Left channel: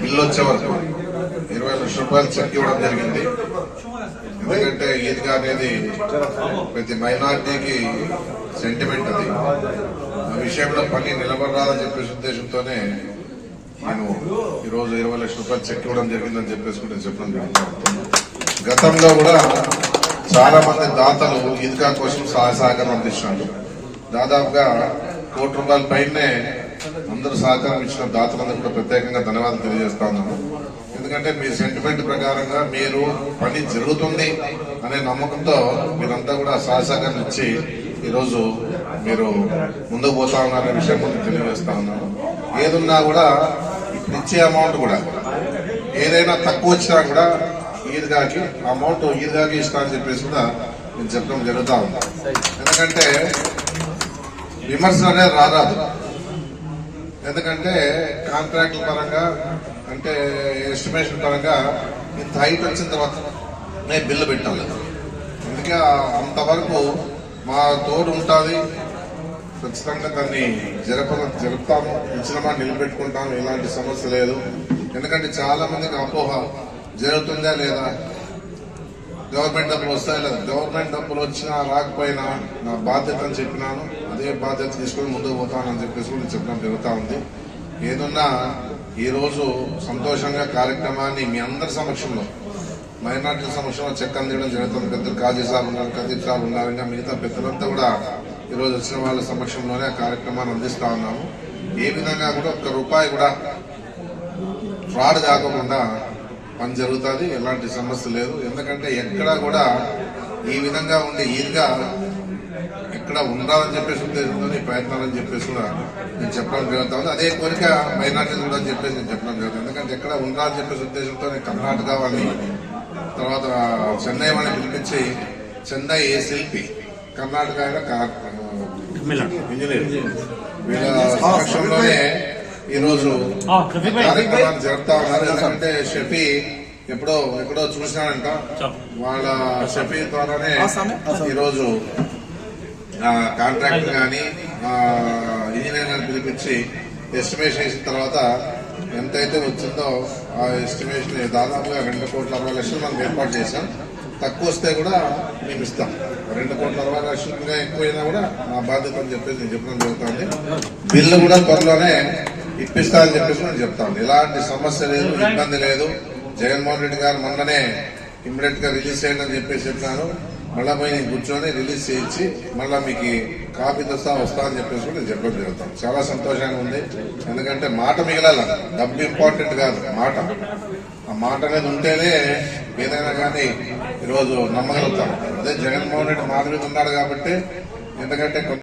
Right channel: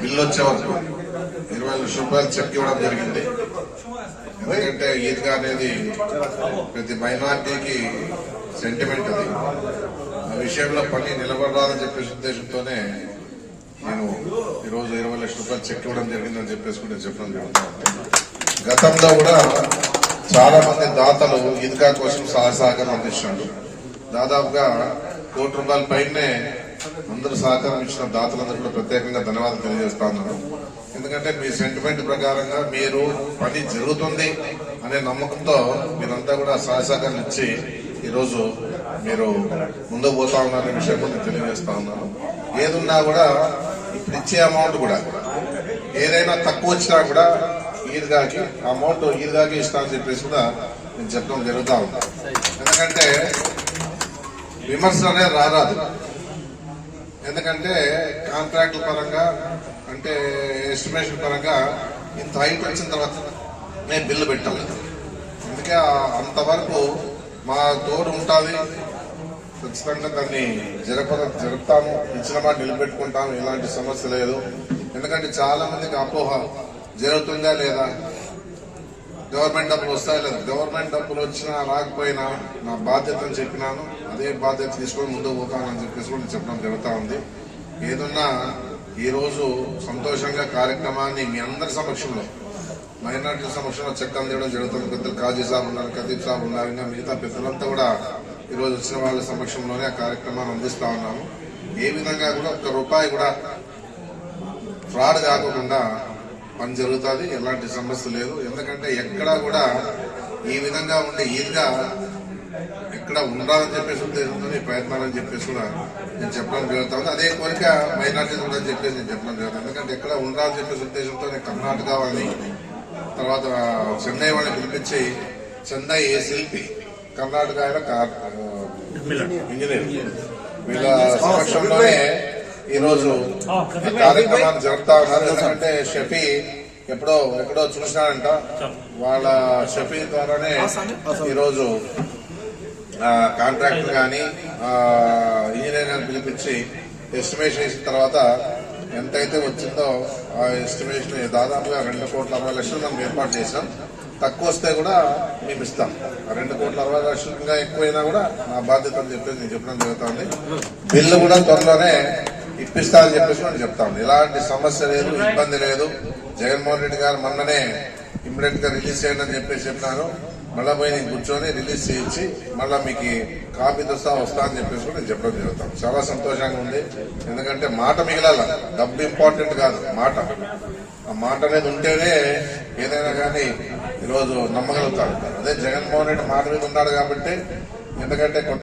Bill వచ్చే వరకు 20 లక్షల రూపాయలు చెక్ ఇవ్వడం జరిగింది. ఎందుకంటే ఈద్గా అనేది ప్రతి మైనార్టీకి సెంటిమెంట్. అది ఆ విషయంలో పని నిలబడరాదని చెప్పేసి ఉద్దేశంతోనే నేను ఈరోజు 20 లక్షల రూపాయలు చెక్ ఇవ్వడం జరిగిందని చెప్పేసి నేను చెప్పడం జరుగుతుంది. గతంలో కూడా చాలా మంది దాతలు ఈద్గా కోసం సహకారం అందించారు. దాదాపుగా ₹1 కోటి పైనే అందరూ సహకారం ఇచ్చిన దాతలందరూ కూడా ప్రత్యేకంగా ధన్యవాదాలు తెలియజేస్తా ఉన్నాను. ఎందుకంటే మీ సెంటిమెంట్ ప్రకారంగా మీరు పని జరుగుతుంది అనే నమ్మకంతో మీరంతా కూడా సహకారం ఇచ్చి ఈరోజు మీరు ముందుకు పోతా ఉన్నారనే విషయం తెలియజేస్తా ఉన్నాను. ఏదున్నా కూడా ఇప్పుడు ఇచ్చే అమౌంట్ కూడా ఏదైనా తక్కువ వచ్చినా కూడా ఈద్గాకి అమౌంట్ ఈద్గాకి ఇస్తా అని చెప్పేసి కూడా నేను చెప్పడం జరుగుతా ఉంది. ఎందుకంటే విమర్శలు అనేది రారాదు. ఎందుకంటే కాంట్రాక్టుల పరంగా అంటే ఎస్టిమేషన్ పరంగా ఇంత హైట్ వచ్చిన తర్వాత నేను బిల్లు పెట్టాలి. అందుకే అంతవరకు మా తోడు ఉంటుంది. ఖచ్చితంగా దాన్ని జరుపుతాము, ఇచ్చిన మాట నిలబెట్టుకుంటాము. ఎలాంటి సమస్య లేదు. ఎందుకంటే చాలా మందికి అపోహ జరుగుతుందా లేదా, గవర్నమెంట్ డబ్బులు వస్తాయి లేదా. గవర్నమెంట్ డబ్బులు వచ్చినా రాకపోయినా నా బాధ్యత అని చెప్పినాను. అదే బాధ్యత తీసుకొని ముందుకు పోతానని చెప్పేసి కూడా చెప్పడం జరుగుతూ ఉంది. ఏదన్నా ఈరోజు సంతోషంగా కార్యక్రమాన్ని మీ అందరి సమక్షంలో మైనార్టీల సమక్షంలో చెక్ అందించడం జరుగుతుంది. పెద్దలు కాజీ సాబ్ ఉన్నారు, కదీర్ సాబ్ ఉన్నారు, ఇంకా మిగతా పెద్దలంతా కూడా ఈరోజు వచ్చిన వాళ్ళ సమక్షంలోనే ఆ కార్యక్రమాన్ని అందిస్తా ఉన్నాము. ఏ విధంగా కూడా ₹1 కూడా ఫ్రాడ్ కాకుండా పని జరుగుతుంది. ఎలాంటి సమస్య లేదు. ఎందుకంటే ఎక్కడా కూడా ఈ విధంగా ఉండే ఈద్గా ఎక్కడ ఉండాలని చెప్పేసి ఉద్దేశంతో ప్రయత్నాలని చెప్పేసి కూడా నేను చెప్పడం జరుగుతుంది. అదే కోరిక మైనార్టీలు కూడా చెప్పేసి నేను చెప్పడం జరుగుతుంది. ఎందుకంటే ఎక్కడ ఉండాలని చెప్పేసి ఉద్దేశంతో కర్ణాటక వాళ్ళని తర్వాత చెన్నై వాళ్ళని పిలిపించి చెన్నై శిల్పి, కర్ణాటక ఇంజనీర్ వీళ్ళ సమక్షంలోనే ఈరోజు కార్యక్రమాన్ని జరుపుతా ఉన్నారు. ఎందుకంటే షఫీ ఎక్కడో చూసినాడంట. వాళ్ళ షఫీ ద్వారానే ఈరోజు కాంట్రాక్టర్ గాని ఇంజనీర్ గాని పిలిపించి ఎస్టిమేషన్ ఇచ్చిన తర్వాత ఎంతైతే వచ్చిందో ఆ ఎస్టిమేషన్ దాదాపుగా ₹2,60,00,000 మనం ఏర్పాటు చేశాం. తక్కువ వస్తే కూడా మేము ఇస్తాం. ₹2,60,00,000 ఎక్కువైనా కూడా నా బాధ్యత అని చెప్పేసి నేను చెప్పడం జరుగుతుంది. బిల్లు కూడా త్వరలోనే ఇప్పిస్తా అని చెప్పేసి నేను చెప్తాను. ఎలాంటి సమస్య లేదు, ఇబ్బంది లేదు. జగన్మోహన్ రెడ్డి గారు మొన్ననే ఇమ్మీడియట్ గా రిలీజ్ చేయండి అని చెప్పేసి చెప్పినాను. మళ్ళా పోయి నేను కూర్చొని రిలీజ్ చేయించి మళ్ళా మీకు కాపీతో సహా వస్తా అని చెప్పేసి కూడా నేను చెప్పడం జరుగుతాను. చాలా సంతోషంగా ఉంది. ఎందుకంటే మాట మిగిలాల, డబ్బు ఇంపార్టెంట్ కాదు, మాట. ఆ మాట అనేది ఉంటేనే ఏదైనా కానీ ఈరోజు నమ్మగలుగుతాను. అదే జగన్మోహన్ రెడ్డి మాట మీద ఉన్నాడు కాబట్టి. ఎందుకంటే